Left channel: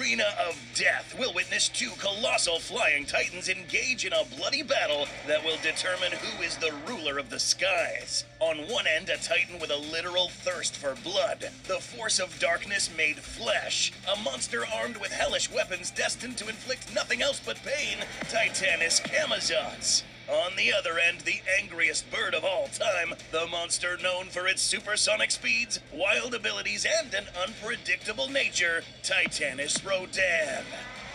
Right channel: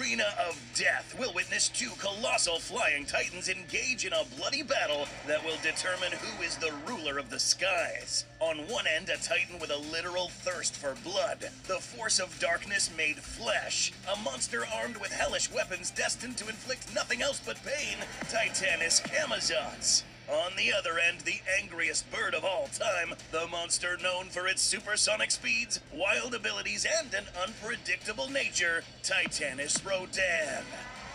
arena of death, we'll witness two colossal flying titans engage in a bloody battle that will determine who is the ruler of the skies. On one end, a titan with a literal thirst for blood, the force of darkness made flesh, a monster armed with hellish weapons destined to inflict nothing else but pain, Titanus camazotz. On the other end, the angriest bird of all time, the monster known for its supersonic speeds, wild abilities, and an unpredictable nature, Titanus Rodan.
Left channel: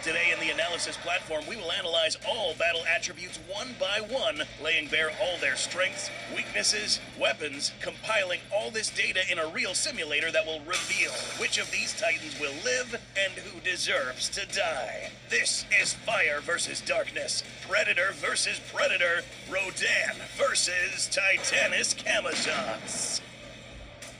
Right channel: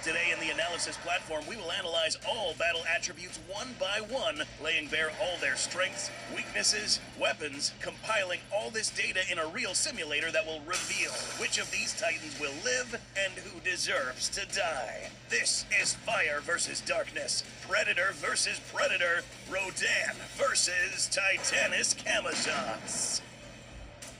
Today in the analysis platform, we will analyze all battle attributes one by one, laying bare all their strengths, weaknesses, weapons, compiling all this data in a real simulator that will reveal which of these titans will live and who deserves to die. This is Fire versus Darkness, Predator versus Predator, Rodan versus Titanus camazotz.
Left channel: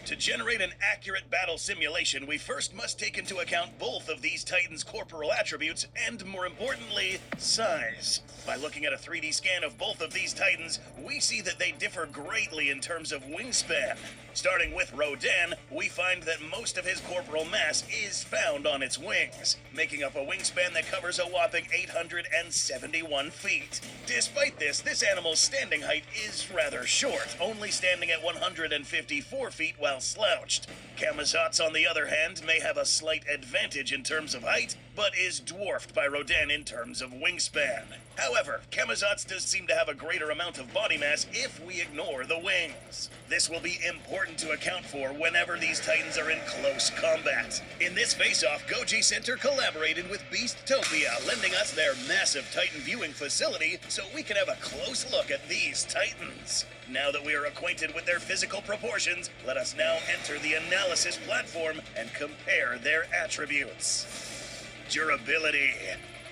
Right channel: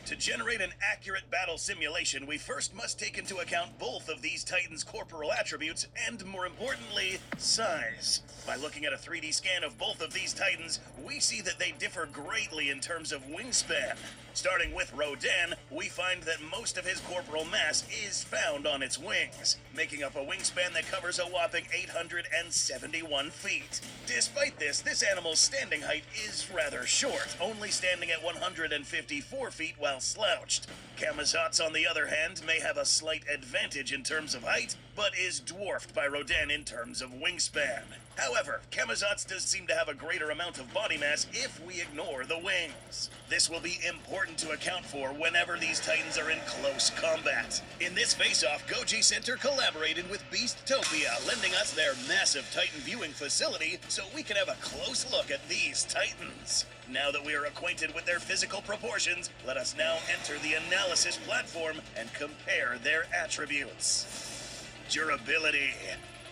To generate an accurate battle simulation, we first must take into account both of these titans' corporal attributes and, more importantly, size. By looking at a 3D scan of both of these titans, we see that they differ greatly in terms of wingspan. Starting with Rodan, we find that most of his corporal mass is found on its wings, making up a wingspan that covers a whopping 871 feet. Despite this animal's standing height is rather short, only standing at 154 feet while slouched. Camazotz, on the other hand, may have a slight advantage in terms of height, but is dwarfed by Rodan in terms of wingspan. However, Camazotz does seem to have a greater amount of body mass if we ignore the wings. This will be important to account for whenever these titans are in close combat. In this face-off, Goji Center collaborated with Beasttopia, lending us their massive titan viewing facility so we can have a close look at these titans. Now that we are acquainted with their physical proportions, let us now enter the analysis platform and compare their attributes. Durability.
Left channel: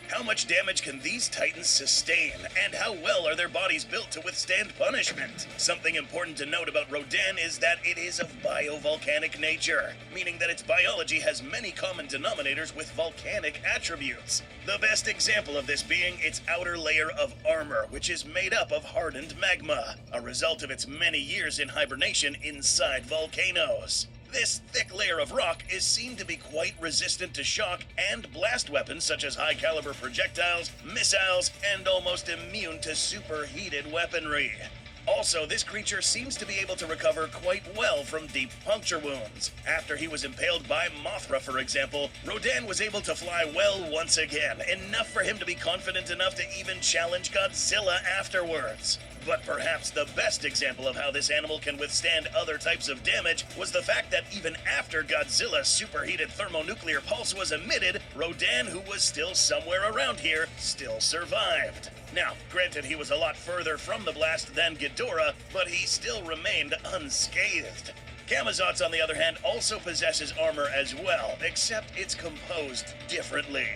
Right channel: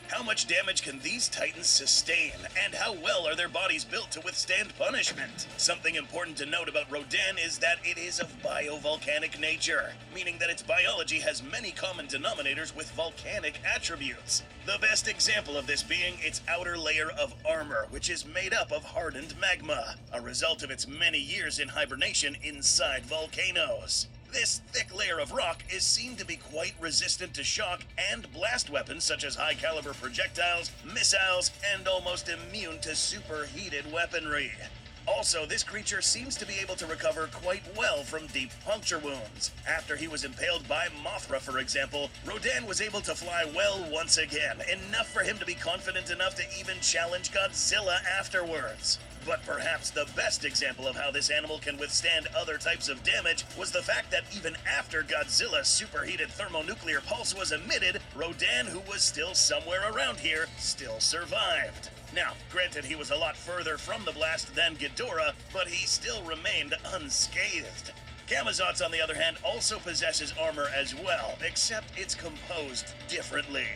How much damage can these titans sustain, and how well are their bodies built to withstand punishment? Something important to note about Rodan is that it is of biovolcanic nature, meaning that its biology has many common denominators with volcanic attributes. The best example of this being its outer layer of armor, which is made up of hardened magma, a result of its many years in hibernation inside volcanoes. This thick layer of rock is seen to be quite resistant to shock and blast weapons such as high-caliber projectiles, missiles, and almost immune to superheated weaponry. Also, this creature seems to be able to recover quite well from deep puncture wounds. After he was impaled by Mothra, for example, Rodan was able to fly well once again, enough for him to be confident enough to even challenge Godzilla afterwards. But perhaps the best example of how this animal can withstand other types of damage was the fact that even after Godzilla's superheated thermonuclear pulse was emitted, Rodan, who was still somewhere around here, still survived. Now, granted, he was a lot further from the blast than Ghidorah, but he still remained unscathed. Camazotz, on the other hand, also possesses armor as well, except it's composed differently.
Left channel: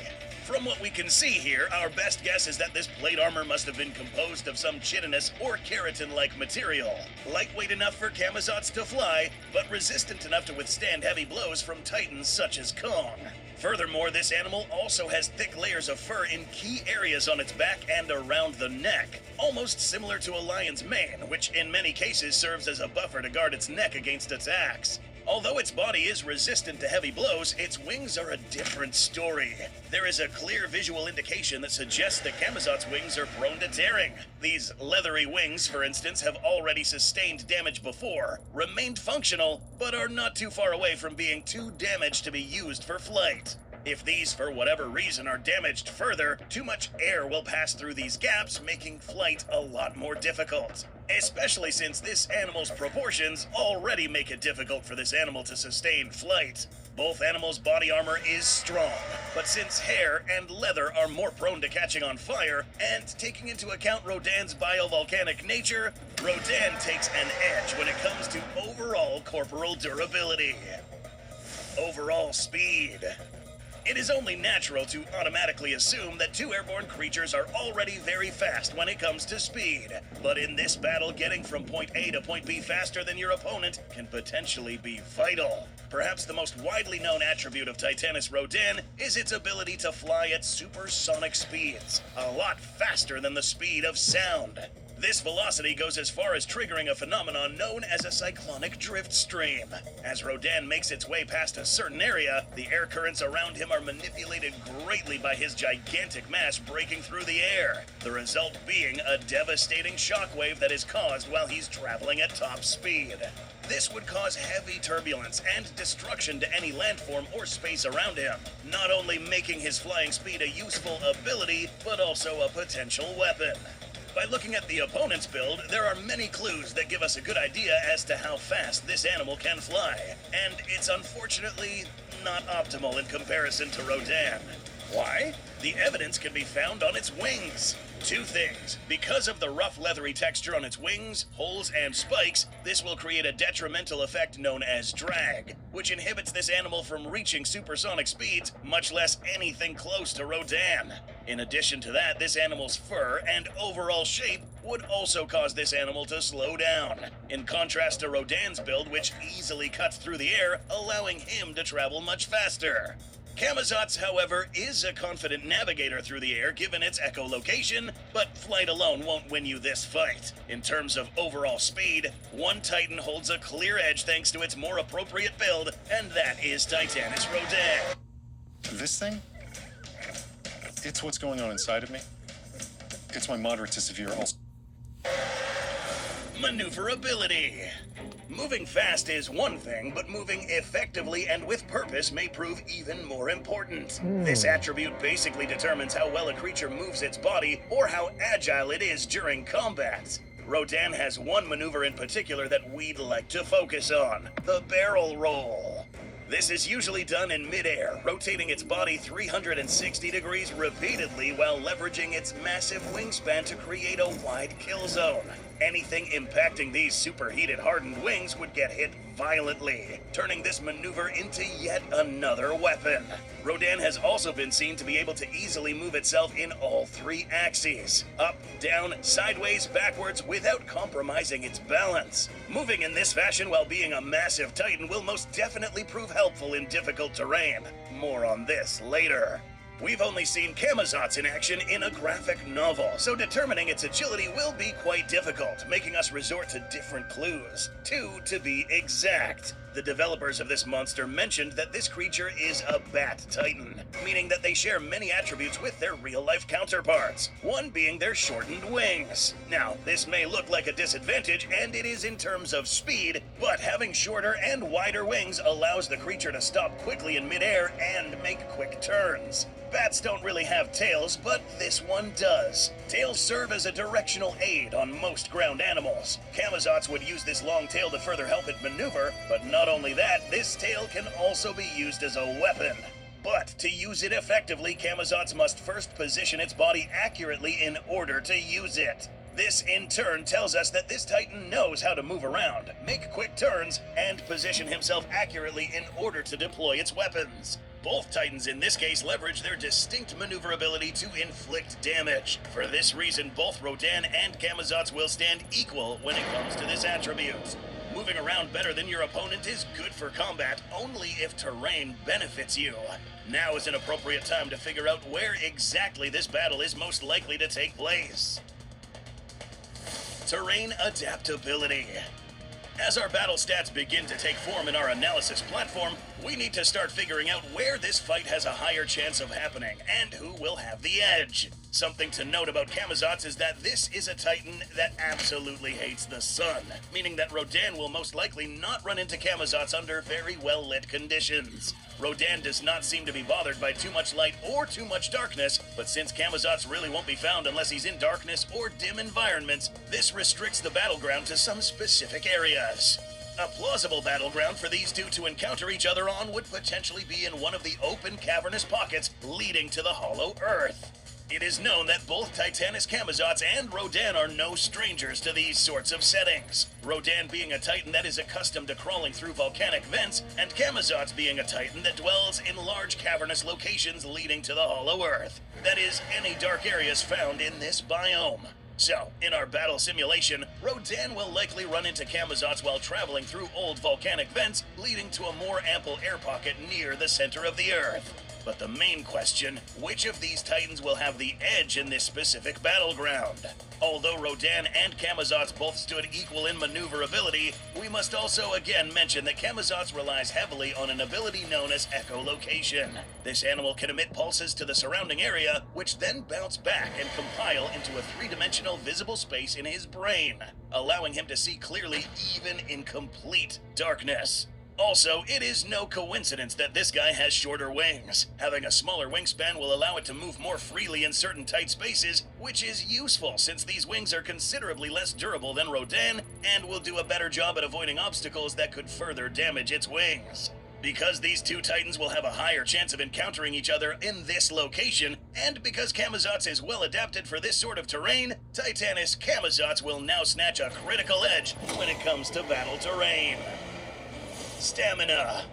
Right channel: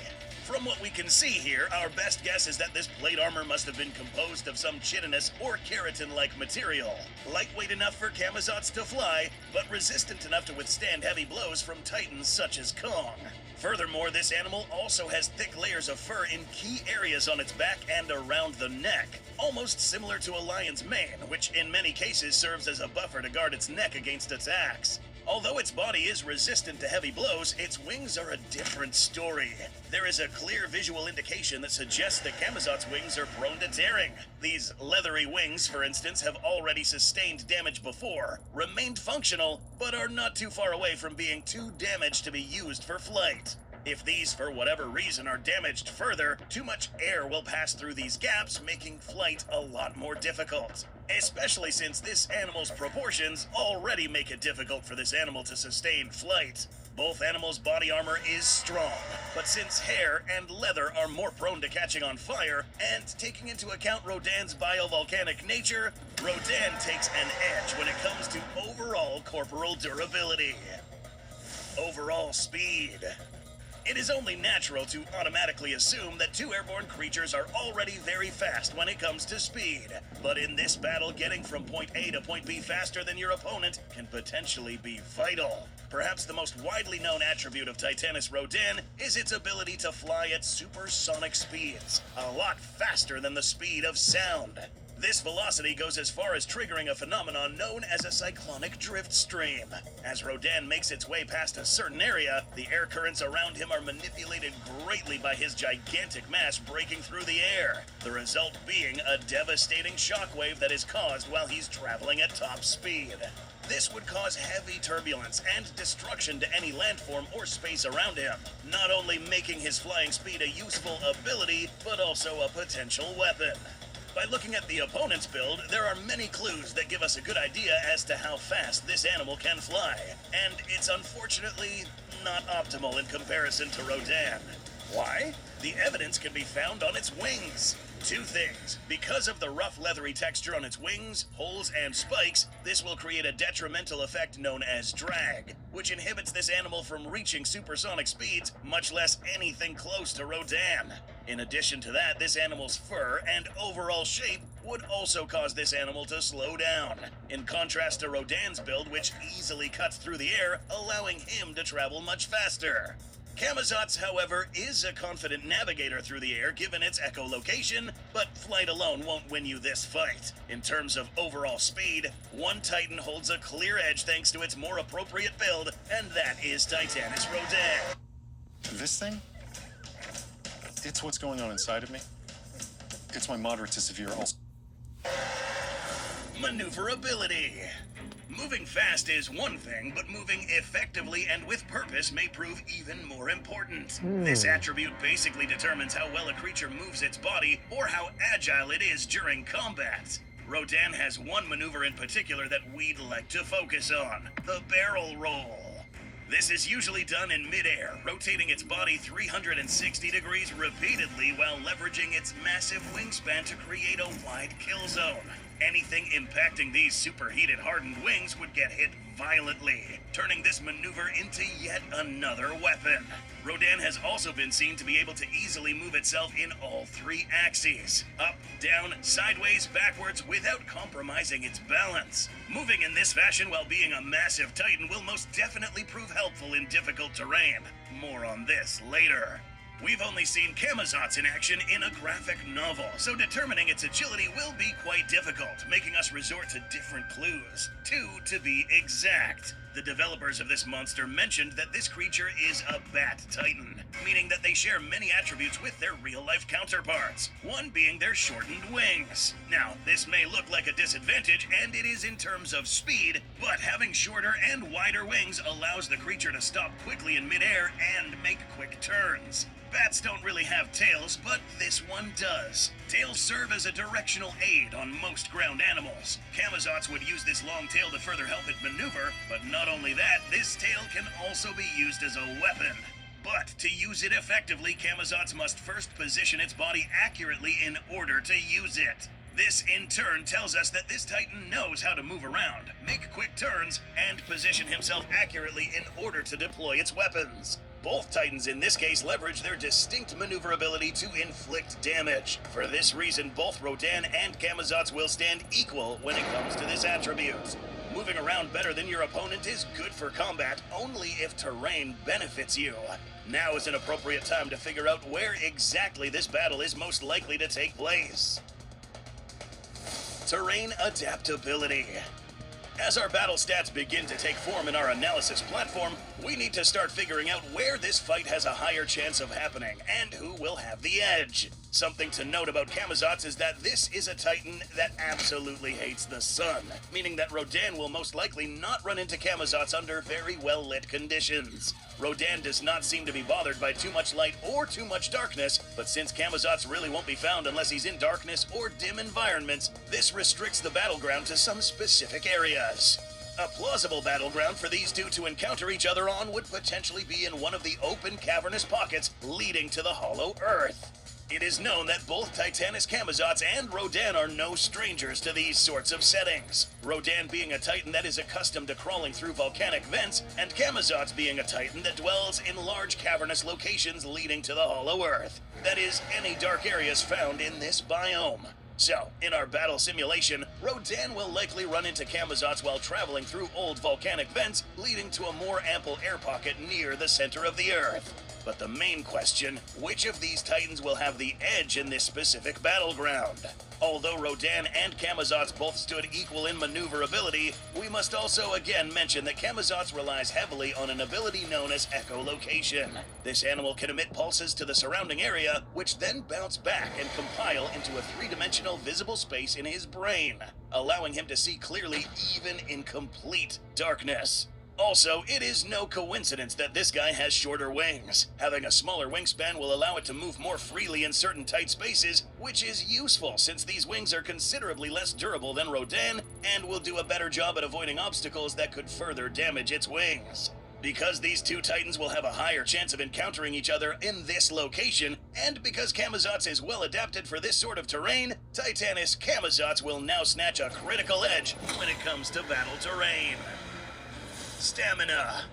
From what we can see here, our best guess is that this plate armor must have been composed of some chitinous or keratin-like material. Lightweight enough for Camazotz to fly, but resistant enough to withstand heavy blows from titans such as Kong. Furthermore, this animal also has thick layers of fur in key areas on its back and around the neck, almost similar to a lion's mane, which in many cases serves as a buffer to guard its neck against attacks. Although its body is resistant to heavy blows, its wings are a different story. There is a clear visual indication that suggests that Camazotz's wings are prone to tearing. These leathery wings, for instance, have already sustained damage before, remained functional, but are not too far away from being too damaged to be used for flight. If these, for whatever reason, are damaged further, too much air will pass through these gaps, making flight a lot more difficult. Especially since this animal's proportions already make it difficult for this animal to sustain flight. Both animals' body armor is strong, but since hair and leather are more prone to catching on fire, and taking into account Rodan's biovolcanic nature, Rodan takes an edge when it comes to overall corporal durability. Overall speed. It is only natural to automatically assume that two airborne creatures are already very fast when it comes to speed. But in this battle, getting from point A to point B faster than your opponent can potentially be vital. Perhaps the most widely known attribute of Titanus Rodan is its ability to fly at supersonic speeds, a lot faster than the speed of sound. This velocity goes as far as triggering a phenomenon known as a cyclonic drift stream. As Rodan makes its way past a certain area, the air currents around him are manipulated greatly by his gigantic mass breaking through the air, the result being a devastating shockwave that is caused while he's traveling at top speed. This would cause heavy turbulence and destruction to any landform or space around him, not only making his flying speed a useful ability, but also a potential weapon. By looking at the opponent's build, there are many clues that give us a good idea as to how fast this animal can fly, and it's unfortunately not optimal in comparison to Rodan. Why? The evidence can be found on its wings. Two things. Because of the rough leathery texture on its wings, holes, and spikes, this will create a detrimental effect known as drag, which inhibits this animal from reaching supersonic speeds, much less anything close to Rodan. In addition to that, this animal's fur and overall shape would also cause this animal to slow down, in contrast to Rodan's build, which easily cuts through the air, allowing him to travel much faster. Camazotz, however, is a confident navigator through the air given its echolocation, but flight alone won't win you this fight. In terms of overall speed, one Titan holds a clear edge thanks to its more appropriate build, and that is Titanus Rodan. This thing? It's what's going on inside of me. It's my moderate to severe ulcer. Maneuverability. Moving fast is one thing, but moving effectively and with purpose may prove even more important. This attribute basically determines how well a creature moves its body or how agile it is during combat. Rodan has one maneuver in particular that we'd like to focus on: the barrel roll. This is usually done in midair, rotating its body 360 degrees repeatedly while leveraging its massive wingspan to create a wide kill zone. Anything impacting these superheated hardened wings would get hit violently, turning this maneuver into yet another weapon. Rodan has also been seen to be able to easily move itself in all three axes: up, down, sideways, backwards, without compromising its balance. Moving in this fashion while being a massive Titan will most definitely prove helpful in difficult terrain. More on this later. We've only seen camazotz in action in a graphic novel, so determining its agility will be quite difficult, making us resort to different clues. 2 to be exact. The developers of this monster mentioned that this creature is a bat titan, meaning that they share many attributes with their real-life counterparts, one being their shortened wings. Now, this may look like a disadvantage, and it is in terms of speed, but having shorter and wider wings allows the creature to stop quickly in midair and make quick turns. Bats don't really have tails, but this one does. Tails serve as a directional aid on most ground animals. Camazotz would use this long tail to further help it maneuver, but not only that, this tail can also be used as a weapon. But to use it effectively, Camazotz must first position its body accurately in order to use it. This, in turn, tells us that this Titan knows how to move around, make quick turns, and position himself accurately in order to deploy its weapons. Both Titans in this case leverage their distinct maneuverability to inflict damage. For this reason, both Rodan and Camazotz will stand equal when it comes to this attribute. Moving around better than your opponent is good for combat only if terrain benefits you. Now is an appropriate time to figure out where exactly this battle is most likely to take place. Terrain adaptability. As our battle stats begin to take form in our analysis platform, we need to start figuring out where this fight has a higher chance of happening and who will have the edge. Something to note about Camazotz is that this is a Titan that absolutely hates the sun, meaning that Rodan will most likely not run into Camazotz under very well-lit conditions. Rodan does not seem to be bothered by too much light or too much darkness, but since Camazotz really won't be found unless he's in darkness or dim environments, this restricts the battleground to some specific areas. A plausible battleground for these two to encounter each other on would potentially be in one of the open cavernous pockets leading to the hollow earth. It is known that both Titanus Camazotz and Rodan are no strangers to these sorts of settings. Rodan being a Titan that is accustomed to crawling through volcanic vents, and Camazotz being a Titan that dwells in large cavernous locations leading to the hollow earth. That is, any dark areas found in this biome. So, in our battle simulation, Rodan will likely run into Camazotz while traveling through old volcanic vents, leading to a more ample air pocket near the center of the Earth. But the main question, which of these titans will have the edge in this specific battleground? Although Rodan and Camazotz both stood equal in maneuverability, we must also again mention that Camazotz relies heavily on an ability known as echolocation. This animal can emit pulses to the surrounding area, which then bounce back and compile into a three-dimensional visible space in his brain, allowing him to see clearly even in complete darkness. Also, it is no coincidence that this guy has shorter wings. Having a smaller wingspan will allow it to move more freely in certain tight spaces, which is useful since these wings are considerably less durable than Rodan and will do a better job at avoiding obstacles that could further damage its wings. Because these two titans will have a higher chance of encountering each other in this location, and because Camazotz is well adapted for this sort of terrain, Titanus Camazotz will now snatch a critical edge when it comes to battle terrain. Stamina.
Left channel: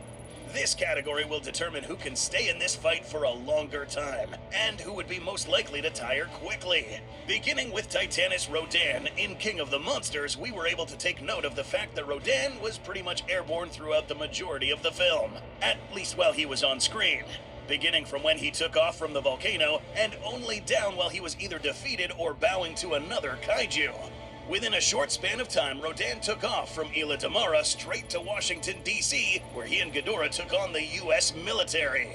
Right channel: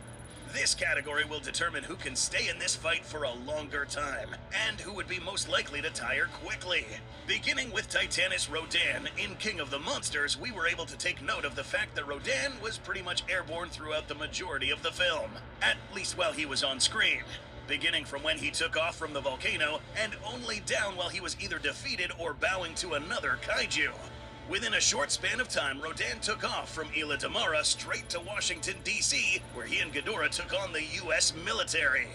This category will determine who can stay in this fight for a longer time, and who would be most likely to tire quickly. Beginning with Titanus Rodan, in King of the Monsters, we were able to take note of the fact that Rodan was pretty much airborne throughout the majority of the film, at least while he was on screen. Beginning from when he took off from the volcano, and only down while he was either defeated or bowing to another kaiju. Within a short span of time, Rodan took off from Isla Damara straight to Washington, D.C., where he and Ghidorah took on the U.S. military.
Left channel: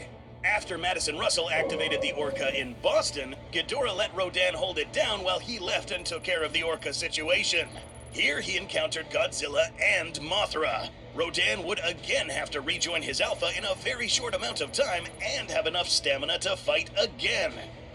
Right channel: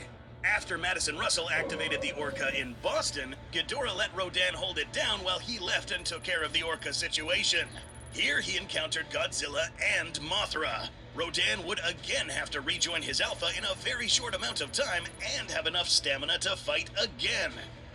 After Madison Russell activated the Orca in Boston, Ghidorah let Rodan hold it down while he left and took care of the Orca situation. Here he encountered Godzilla and Mothra. Rodan would again have to rejoin his Alpha in a very short amount of time and have enough stamina to fight again.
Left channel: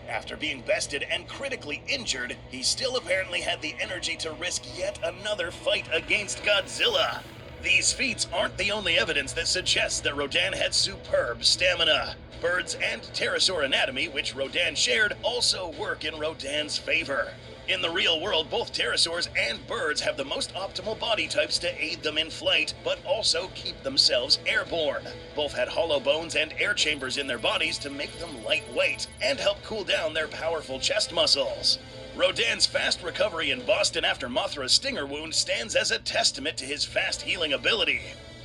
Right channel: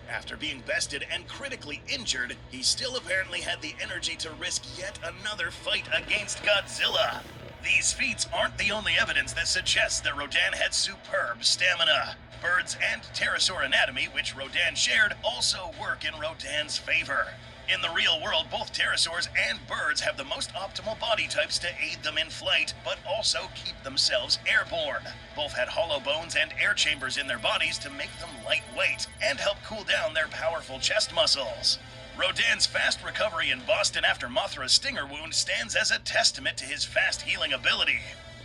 After being bested and critically injured, he still apparently had the energy to risk yet another fight against Godzilla. These feats aren't the only evidence that suggests that Rodan had superb stamina. Birds and pterosaur anatomy, which Rodan shared, also work in Rodan's favor. In the real world, both pterosaurs and birds have the most optimal body types to aid them in flight, but also keep themselves airborne. Both had hollow bones and air chambers in their bodies to make them lightweight and help cool down their powerful chest muscles. Rodan's fast recovery in Boston after Mothra's stinger wound stands as a testament to his fast healing ability.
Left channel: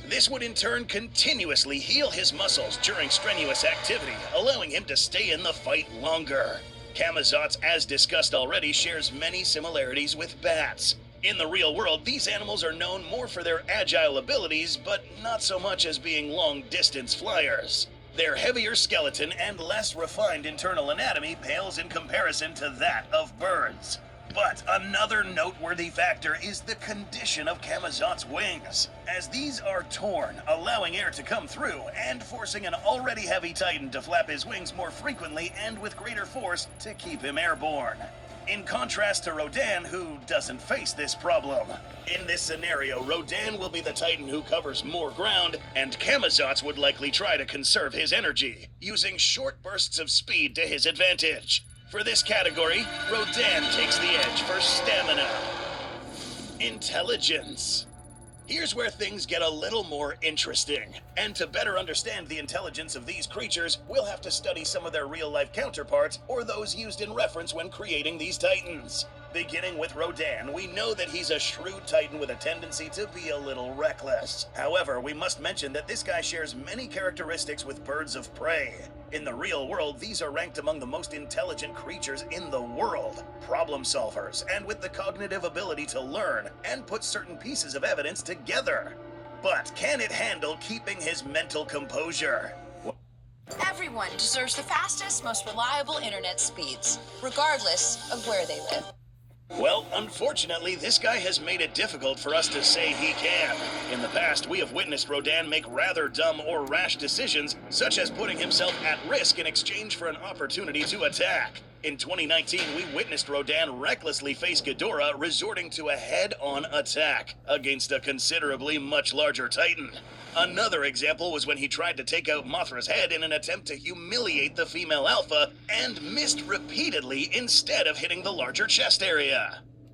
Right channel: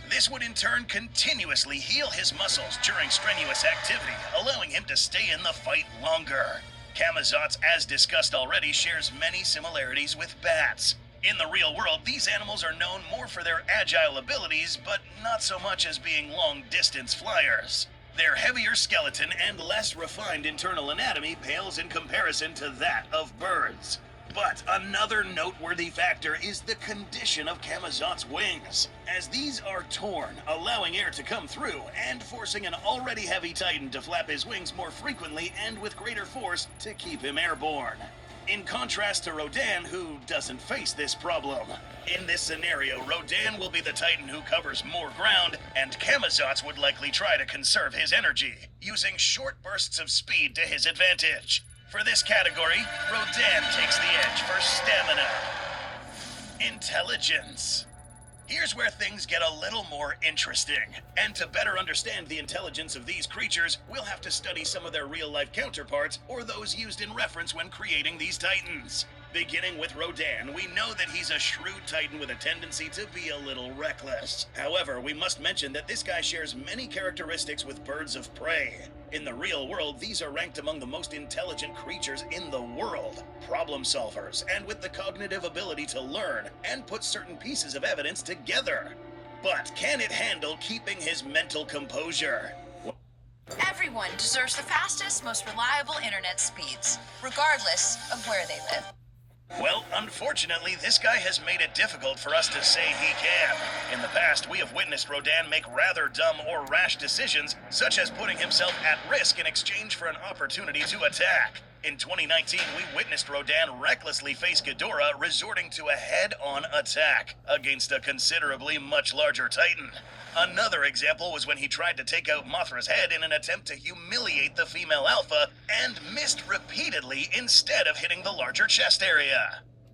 This would in turn continuously heal his muscles during strenuous activity, allowing him to stay in the fight longer. Camazotz, as discussed already, shares many similarities with bats. In the real world, these animals are known more for their agile abilities, but not so much as being long-distance flyers. Their heavier skeleton and less refined internal anatomy pales in comparison to that of birds. But another noteworthy factor is the condition of Camazotz's wings, as these are torn, allowing air to come through and forcing an already heavy titan to flap his wings more frequently and with greater force to keep him airborne. In contrast to Rodan, who doesn't face this problem. In this scenario, Rodan will be the titan who covers more ground, and Camazotz would likely try to conserve his energy, using short bursts of speed to his advantage. For this category, Rodan takes the edge for stamina. Intelligence. Here's where things get a little more interesting. And to better understand the intelligence of these creatures, we'll have to study some of their real-life counterparts, or those used in reference when creating these titans. Beginning with Rodan, we know that he's a shrewd titan with a tendency to be a little reckless. However, we must mention that this guy shares many characteristics with birds of prey. In the real world, these are ranked among the most intelligent creatures in the world, problem solvers, and with the cognitive ability to learn and put certain pieces of evidence together. But can it handle keeping his mental composure? Everyone deserves the fastest, most reliable internet speeds, regardless of where they live. Well, unfortunately, this guy has made it difficult for us to say he can. In the past, we have witnessed Rodan make rather dumb or rash decisions, such as putting himself at risk in exchange for an opportunity to attack. In 2019, we witnessed Rodan recklessly face Ghidorah, resorting to a head-on attack against a considerably much larger titan. Another example was when he tried to take out Mothra's head in an attempt to humiliate the female alpha, and missed repeatedly instead of hitting the larger chest area.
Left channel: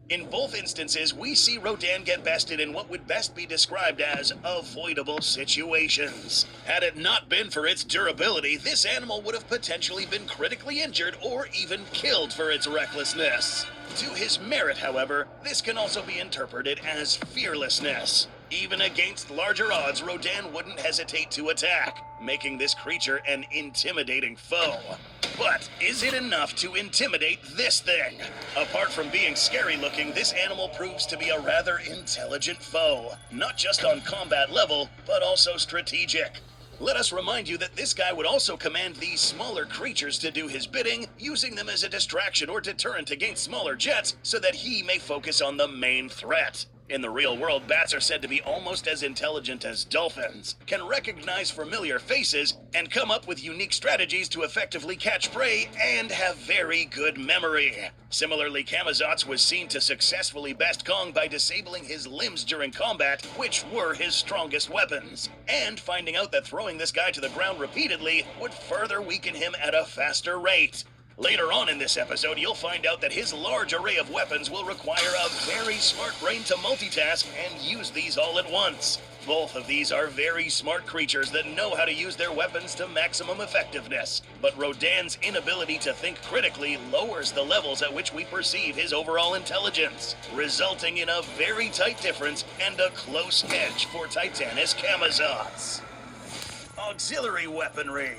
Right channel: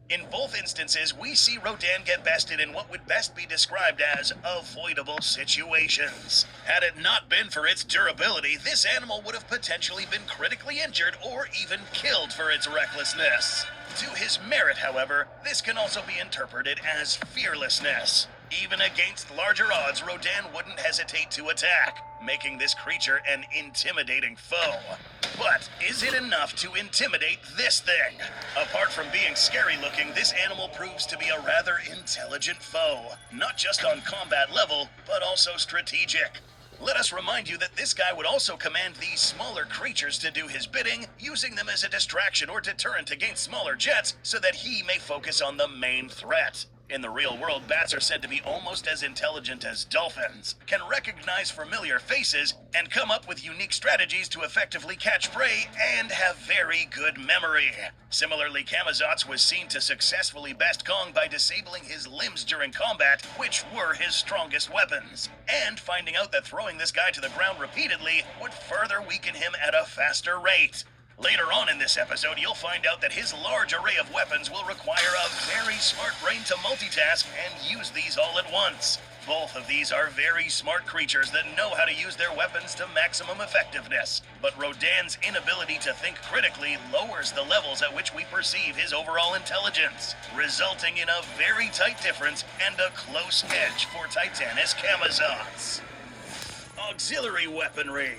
In both instances, we see Rodan get bested in what would best be described as avoidable situations. Had it not been for its durability, this animal would have potentially been critically injured or even killed for its recklessness. To his merit, however, this can also be interpreted as fearlessness. Even against larger odds, Rodan wouldn't hesitate to attack, making this creature an intimidating foe. But is it enough to intimidate this thing? Apart from being scary looking, this animal proves to be a rather intelligent foe, not just on combat level, but also strategic. Let us remind you that this guy would also command these smaller creatures to do his bidding, using them as a distraction or deterrent against smaller jets so that he may focus on the main threat. In the real world, bats are said to be almost as intelligent as dolphins, can recognize familiar faces, and come up with unique strategies to effectively catch prey, and have very good memory. Similarly, Camazotz was seen to successfully best Kong by disabling his limbs during combat, which were his strongest weapons, and finding out that throwing this guy to the ground repeatedly would further weaken him at a faster rate. Later on in this episode, you'll find out that his large array of weapons will require a very smart brain to multitask and use these all at once. Both of these are very smart creatures that know how to use their weapons to maximum effectiveness. But Rodan's inability to think critically lowers the levels at which we perceive his overall intelligence, resulting in a very tight difference and a close edge for Titanus camazotz. Auxiliary weaponry.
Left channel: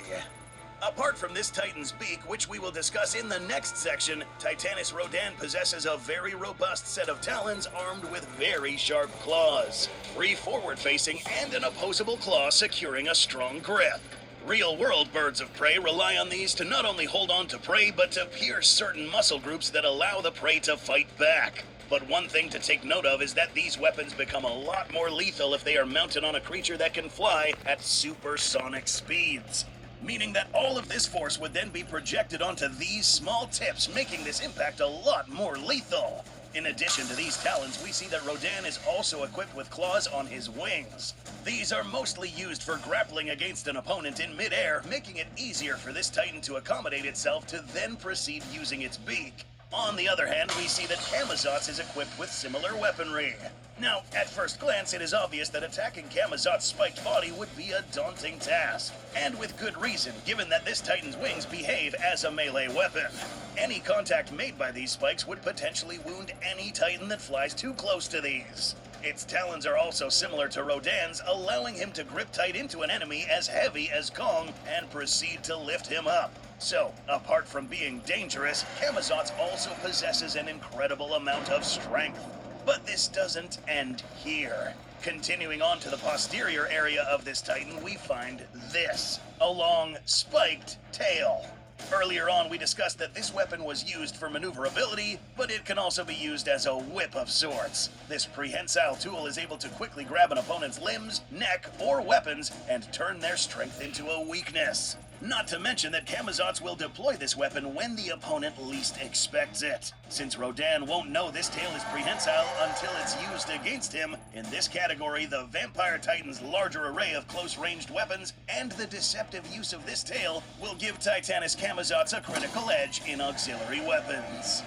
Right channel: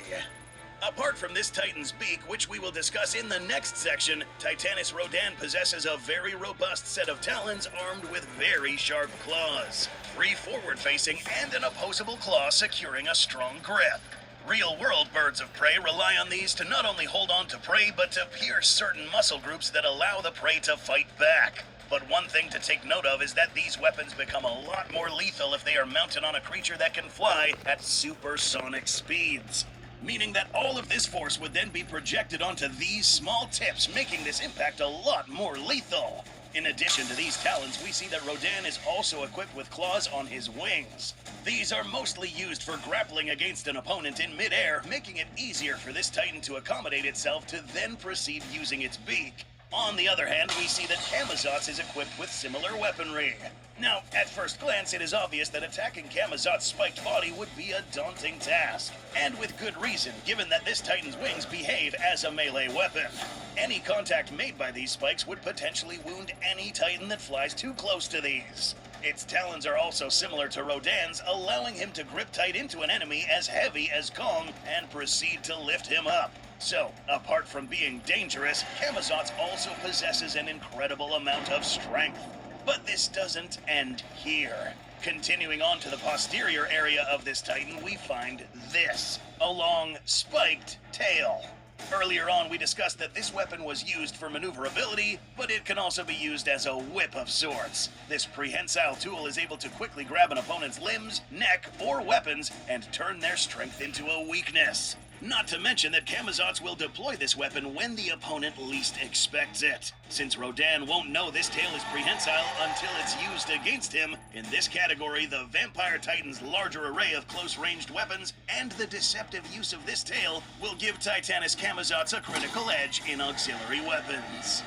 Apart from this Titan's beak, which we will discuss in the next section, Titanus Rodan possesses a very robust set of talons armed with very sharp claws, three forward-facing and an opposable claw securing a strong grip. Real-world birds of prey rely on these to not only hold on to prey, but to pierce certain muscle groups that allow the prey to fight back. But one thing to take note of is that these weapons become a lot more lethal if they are mounted on a creature that can fly at supersonic speeds, meaning that all of this force would then be projected onto these small tips, making this impact a lot more lethal. In addition to these talons, we see that Rodan is also equipped with claws on his wings. These are mostly used for grappling against an opponent in midair, making it easier for this Titan to accommodate itself to then proceed using its beak. On the other hand, we see that Camazotz is equipped with similar weaponry. Now, at first glance, it is obvious that attacking Camazotz's spiked body would be a daunting task. And with good reason, given that this Titan's wings behave as a melee weapon. Any contact made by these spikes would potentially wound any Titan that flies too close to these. Its talons are also similar to Rodan's, allowing him to grip tight into an enemy as heavy as Kong and proceed to lift him up. So, apart from being dangerous, Camazotz also possesses an incredible amount of strength. But this doesn't end here. Continuing on to the posterior area of this Titan, we find this: a long, spiked tail. Earlier on, we discussed that this weapon was used for maneuverability, but it can also be used as a whip of sorts. This prehensile tool is able to quickly grab an opponent's limbs, neck, or weapons and turn their strength into a weakness. Not to mention that Camazotz will deploy this weapon when the opponent least expects it. Since Rodan won't know this tail is prehensile until it's used against him, in this category, the Vampire Titan's larger array of close-ranged weapons and the deceptive use of this tail will give Titanus camazotz a critical edge in auxiliary weapons.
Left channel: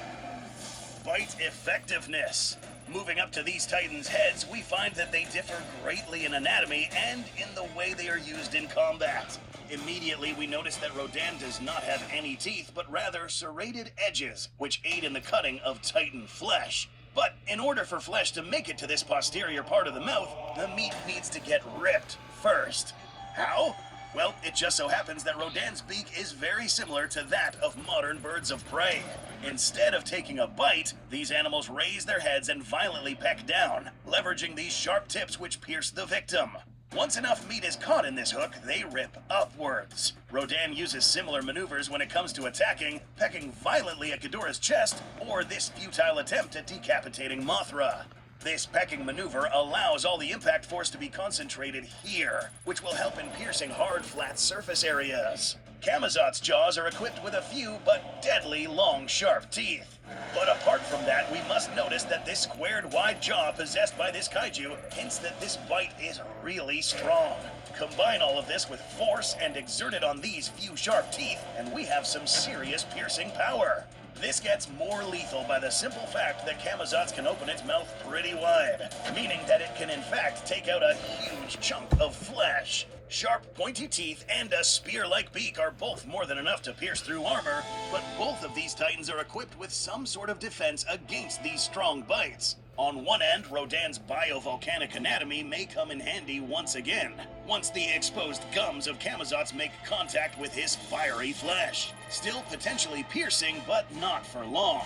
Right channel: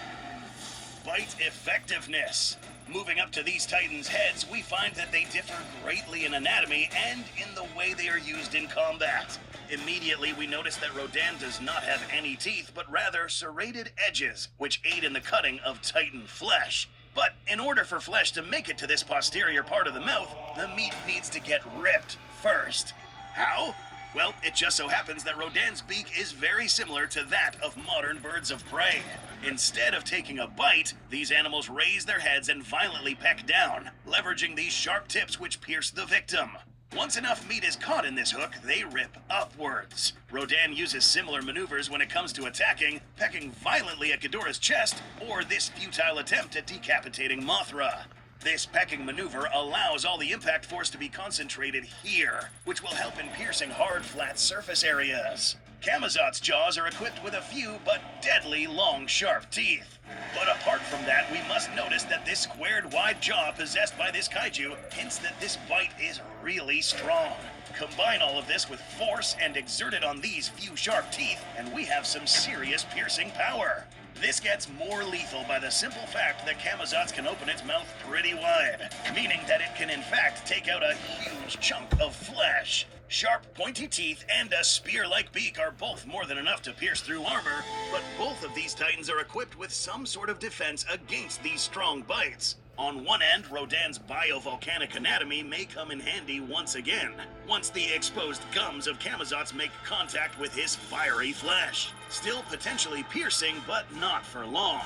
Bite effectiveness. Moving up to these Titans' heads, we find that they differ greatly in anatomy and in the way they are used in combat. Immediately, we notice that Rodan does not have any teeth, but rather serrated edges, which aid in the cutting of Titan flesh. But in order for flesh to make it to this posterior part of the mouth, the meat needs to get ripped first. How? Well, it just so happens that Rodan's beak is very similar to that of modern birds of prey. Instead of taking a bite, these animals raise their heads and violently peck down, leveraging these sharp tips which pierce the victim. Once enough meat is caught in this hook, they rip upwards. Rodan uses similar maneuvers when it comes to attacking, pecking violently at Ghidorah's chest, or this futile attempt at decapitating Mothra. This pecking maneuver allows all the impact force to be concentrated here, which will help in piercing hard, flat surface areas. Camazotz's jaws are equipped with a few but deadly long, sharp teeth. But apart from that, we must notice that this squared, wide jaw possessed by this kaiju hints that this bite is really strong. Combine all of this with force and exert it on these few sharp teeth, and we have some serious piercing power. This gets more lethal by the simple fact that Camazotz can open its mouth pretty wide, meaning that it can in fact take out a huge chunk of flesh. Sharp, pointy teeth and a spear-like beak are both more than enough to pierce through armor, but both of these Titans are equipped with some sort of defense against these strong bites. On one end, Rodan's biovolcanic anatomy may come in handy once again, once the exposed gums of camazotz make contact with his fiery flesh, still potentially piercing, but not for long.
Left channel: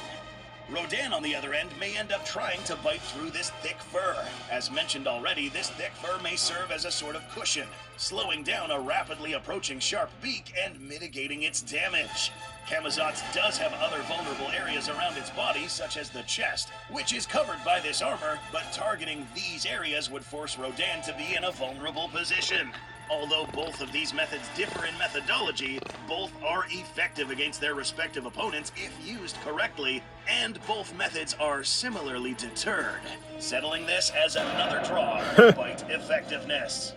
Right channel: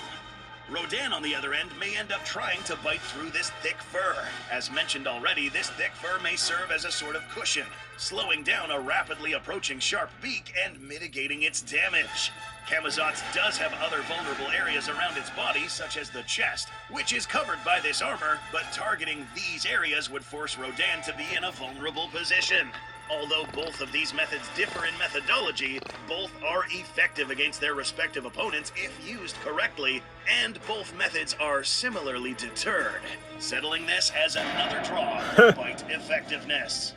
Rodan, on the other end, may end up trying to bite through this thick fur. As mentioned already, this thick fur may serve as a sort of cushion, slowing down a rapidly approaching sharp beak and mitigating its damage. Camazotz does have other vulnerable areas around its body, such as the chest, which is covered by this armor, but targeting these areas would force Rodan to be in a vulnerable position. Although both of these methods differ in methodology, both are effective against their respective opponents if used correctly, and both methods are similarly deterred, settling this as another draw for bite effectiveness.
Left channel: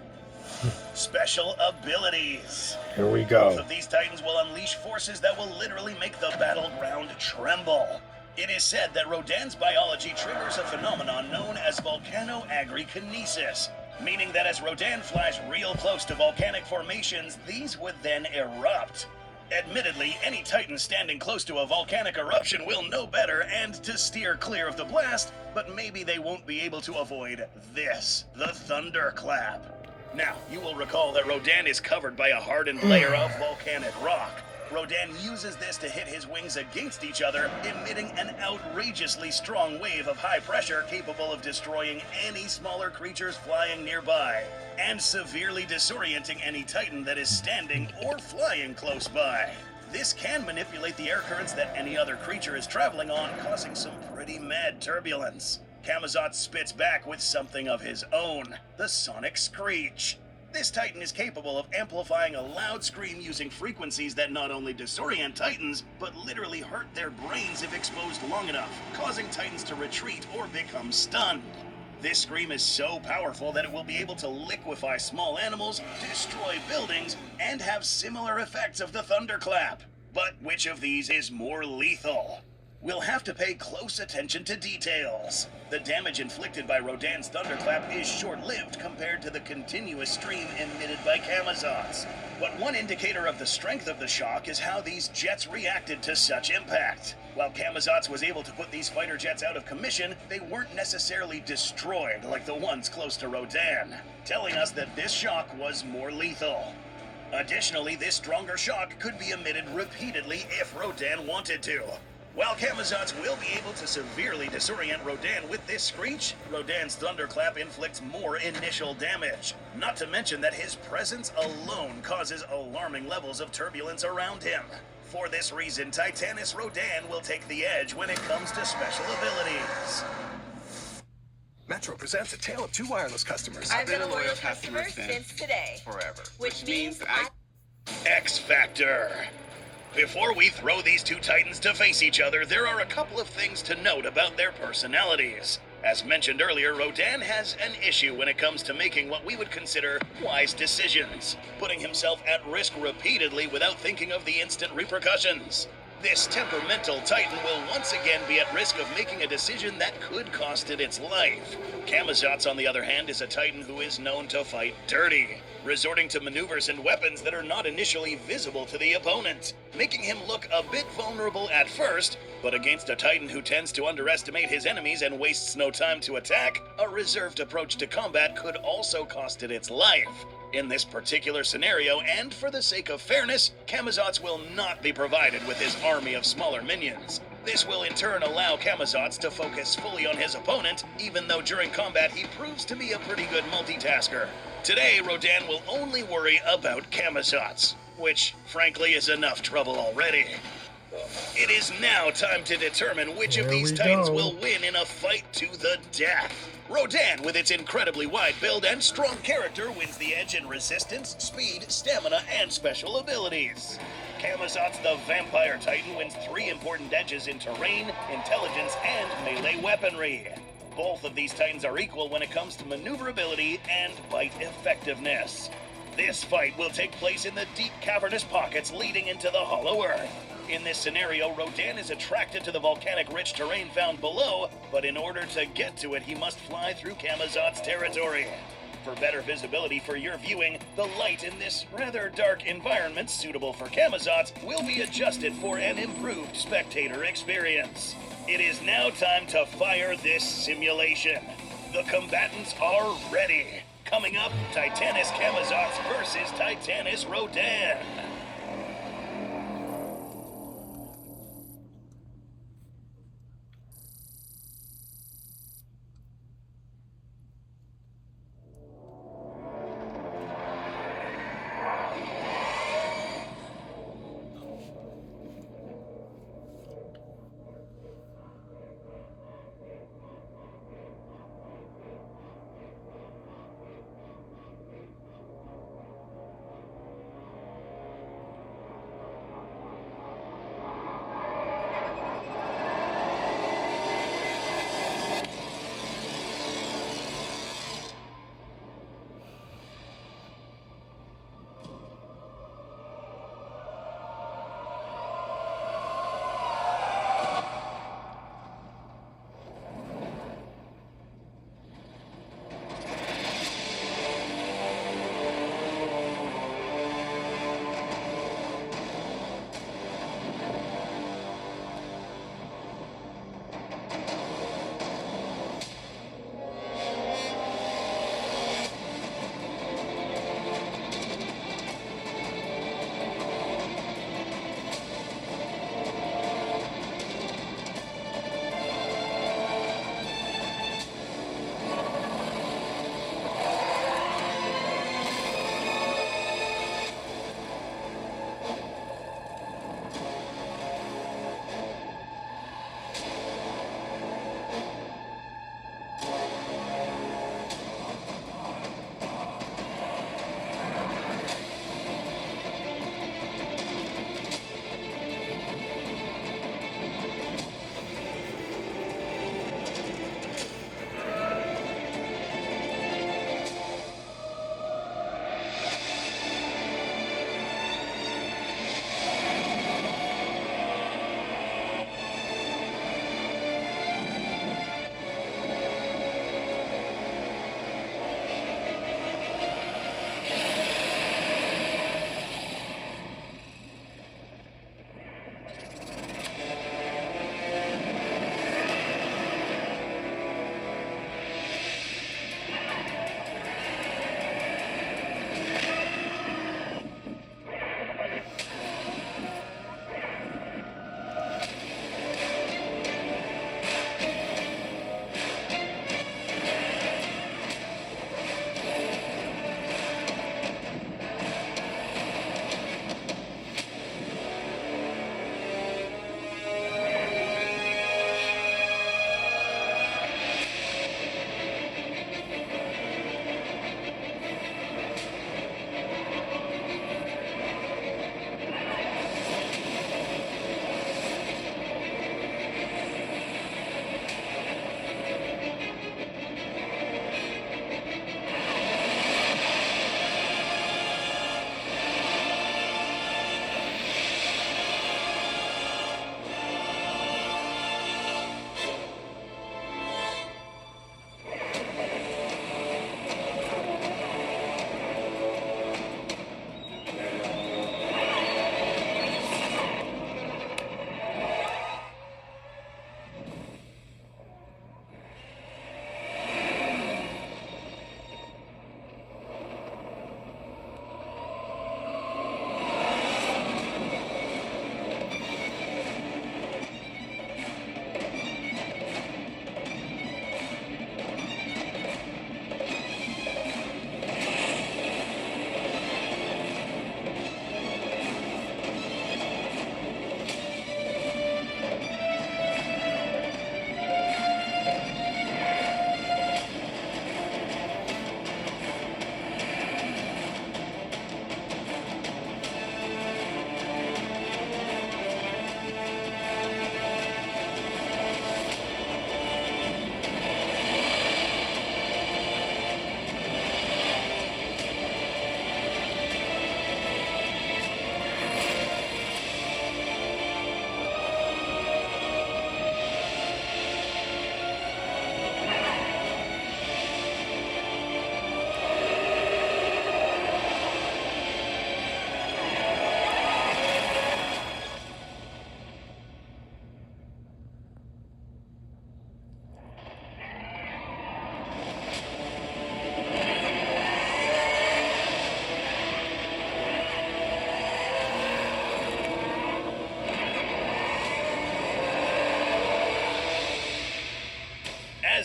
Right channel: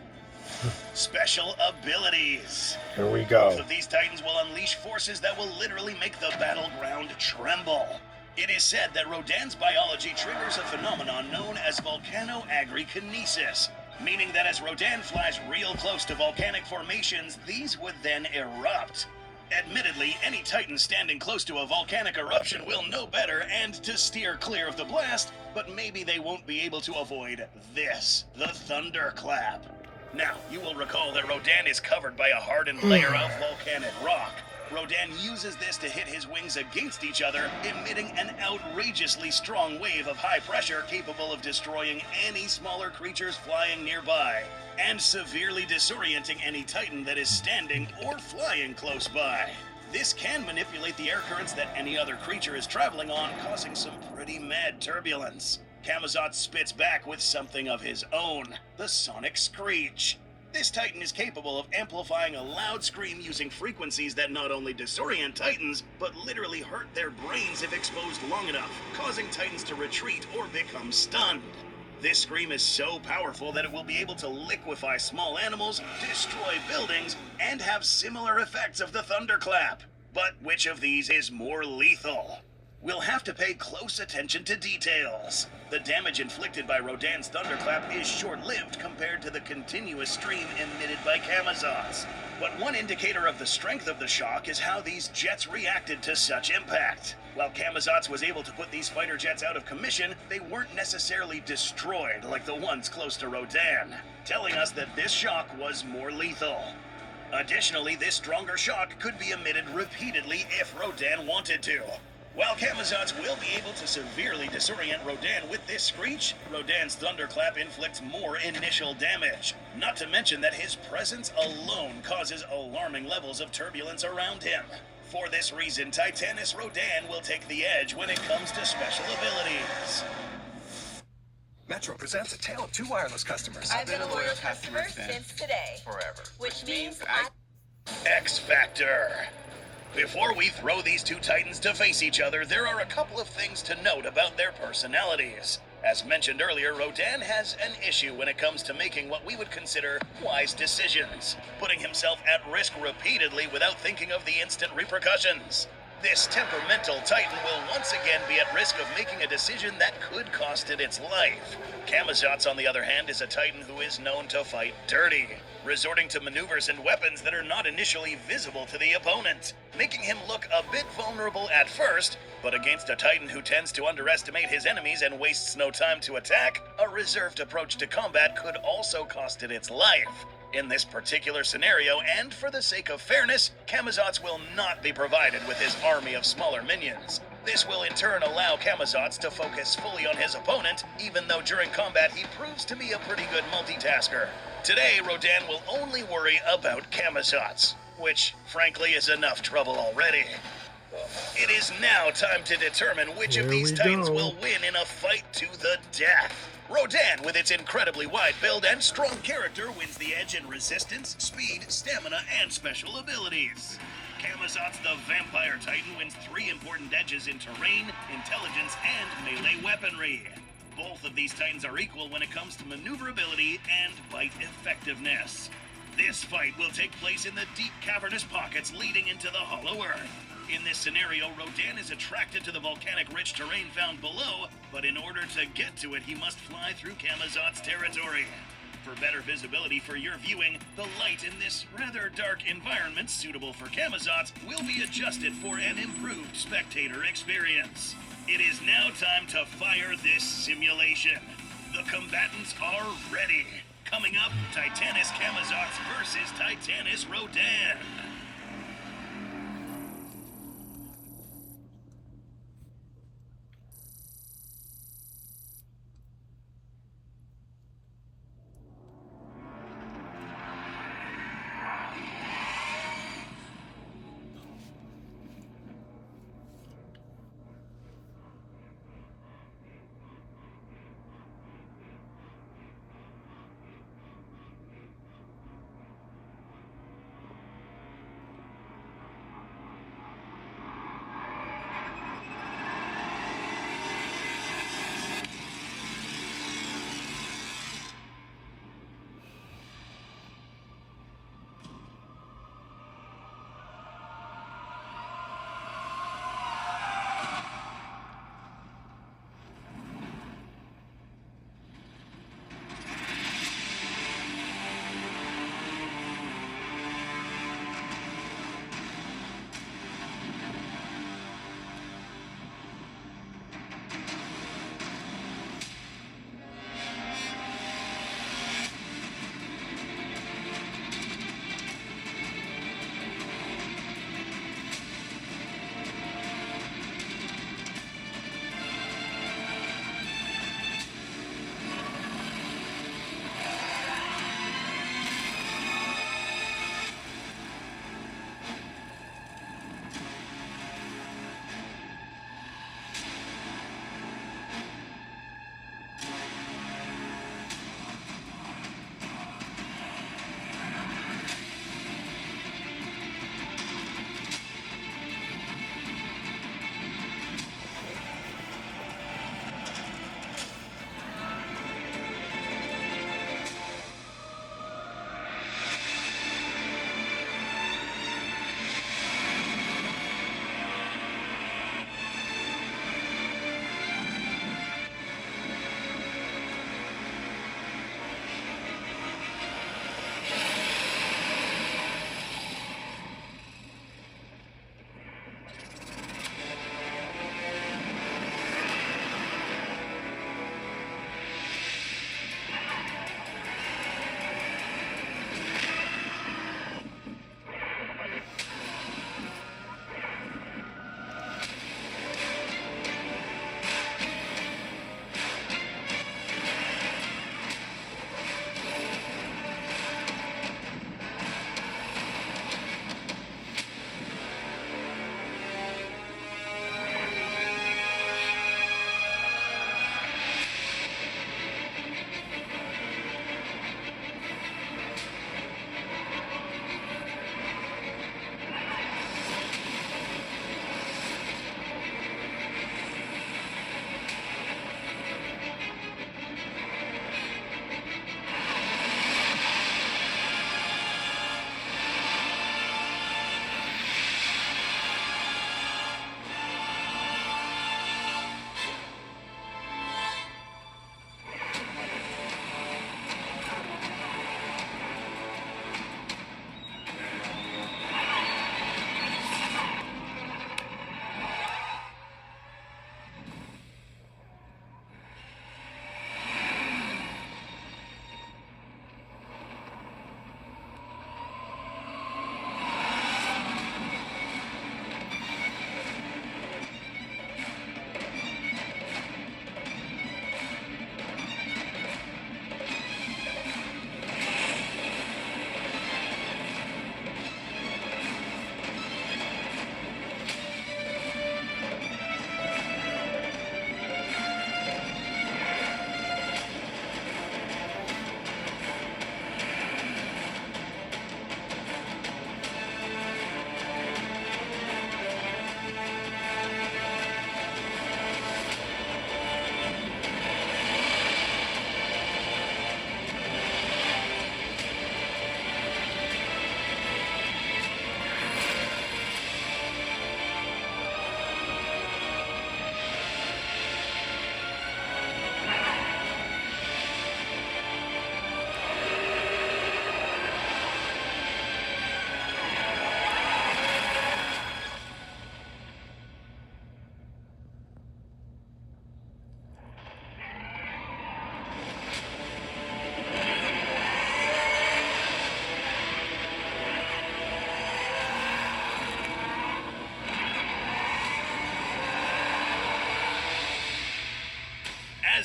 Special abilities. Here we go. Both of these titans will unleash forces that will literally make the battleground tremble. It is said that Rodan's biology triggers a phenomenon known as volcanoagrikinesis, meaning that as Rodan flies real close to volcanic formations, these would then erupt. Admittedly, any titan standing close to a volcanic eruption will know better and to steer clear of the blast, but maybe they won't be able to avoid this, the thunderclap. Now, you will recall that Rodan is covered by a hardened layer of volcanic rock. Rodan uses this to hit his wings against each other, emitting an outrageously strong wave of high pressure capable of destroying any smaller creatures flying nearby, and severely disorienting any titan that is standing or flying close by. This can manipulate the air currents that any other creature is traveling on, causing some pretty mad turbulence. Camazotz spits back with something of his own, the sonic screech. This titan is capable of amplifying a loud scream using frequencies that not only disorient titans, but literally hurt their brains if exposed long enough, causing titans to retreat or become stunned. This scream is so powerful that it will be able to liquefy small animals, destroy buildings, and have similar effects of the thunderclap. But which of these is more lethal? We'll have to pay close attention to details. The damage inflicted by Rodan's thunderclap is short-lived compared to the continuous stream emitted by camazotz. But one indicator of the strength of the shock is how these jets reacted to such impact. While camazotz was able to put these fighter jets out of commission, they weren't necessarily destroyed like the ones close to Rodan, telling us that this shock was more lethal. Additionally, this stronger shock could be emitted repeatedly if Rodan wanted to. While camazotz will be able to severely disorient Rodan with this screech, Rodan's thunderclap inflicts more initial damage. Not to mention that his presence alone causes alarming levels of turbulence around him. For this reason, Titanus Rodan will take the edge when it comes to special abilities. Metro presents a tale of two wireless customers. I've been a loyal customer since today. Forever. Which means X Factor. Before we throw these two titans to face each other, there are a couple of things to note about their personalities. As mentioned earlier, Rodan has an issue when it comes to making what we would consider wise decisions, putting himself at risk repeatedly without thinking of the instant repercussions. This temperamental titan will once again be at risk of making a decision that could cost it its life. Camazotz, on the other hand, is a titan who is known to fight dirty, resorting to maneuvers and weapons that are not initially visible to the opponent, making him look a bit vulnerable at first, but against a titan who tends to underestimate his enemies and wastes no time to attack, a reserved approach to combat could also cost it its life. In this particular scenario, and for the sake of fairness, camazotz will not be provided with his army of smaller minions. This will in turn allow camazotz to focus fully on his opponent, even though during combat he proves to be a pretty good multitasker. Today, Rodan will only worry about camazotz, which, frankly, is enough trouble already. It is now time to determine which of these titans will win in a fight to the death. Rodan, with its incredibly wide build and strong character, wins the edge in resistance, speed, stamina, and special abilities. Camazotz, the vampire titan, wins 3 important edges in terrain, intelligence, and melee weaponry. Both of these titans are equal when it comes to maneuverability and bite effectiveness. This fight will take place in the deep cavernous pockets leading into the hollow earth. In this scenario, Rodan is attracted to the volcanic-rich terrain found below, but in order to get to it, he must fly through camazotz territory. For better visibility for your viewing, the light in this rather dark environment suitable for camazotz will be adjusted for an improved spectator experience. It is now time to fire this simulation. The combatants are ready. Coming up, Titanus Camazotz versus Titanus Rodan.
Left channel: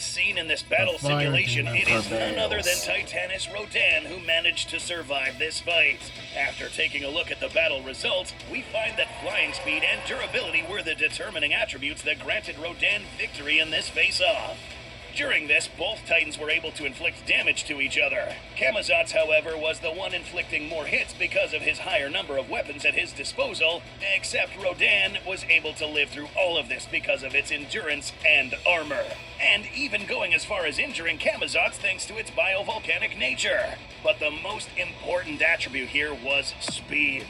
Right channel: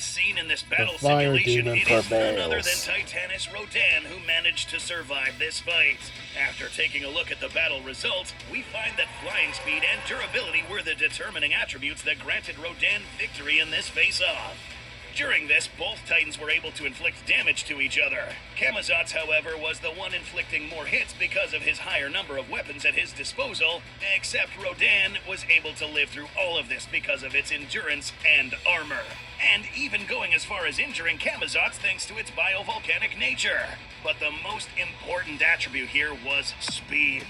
scene in this battle fire simulation, demon it is none other than prevails. Titanus Rodan who managed to survive this fight. After taking a look at the battle results, we find that flying speed and durability were the determining attributes that granted Rodan victory in this face-off. During this, both Titans were able to inflict damage to each other. Camazotz, however, was the one inflicting more hits because of his higher number of weapons at his disposal, except Rodan was able to live through all of this because of its endurance and armor. And even going as far as injuring Camazotz thanks to its biovolcanic nature. But the most important attribute here was speed.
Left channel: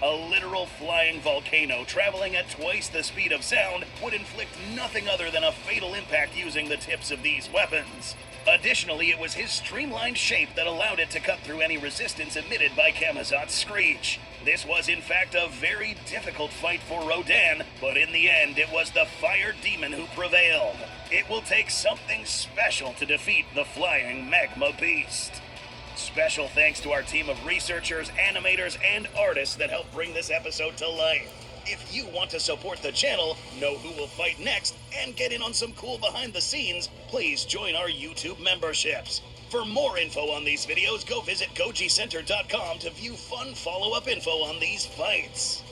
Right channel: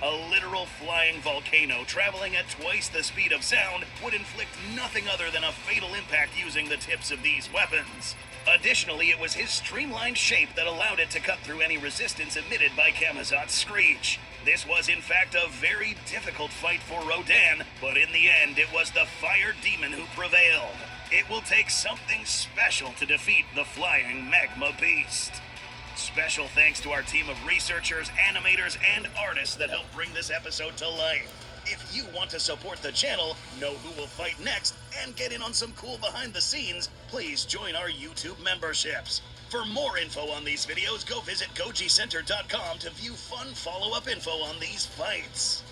A literal flying volcano traveling at twice the speed of sound would inflict nothing other than a fatal impact using the tips of these weapons. Additionally, it was his streamlined shape that allowed it to cut through any resistance emitted by Camazotz's screech. This was in fact a very difficult fight for Rodan, but in the end it was the fire demon who prevailed. It will take something special to defeat the flying magma beast. Special thanks to our team of researchers, animators, and artists that helped bring this episode to life. If you want to support the channel, know who will fight next, and get in on some cool behind the scenes, please join our YouTube memberships. For more info on these videos, go visit gojicenter.com to view fun follow-up info on these fights.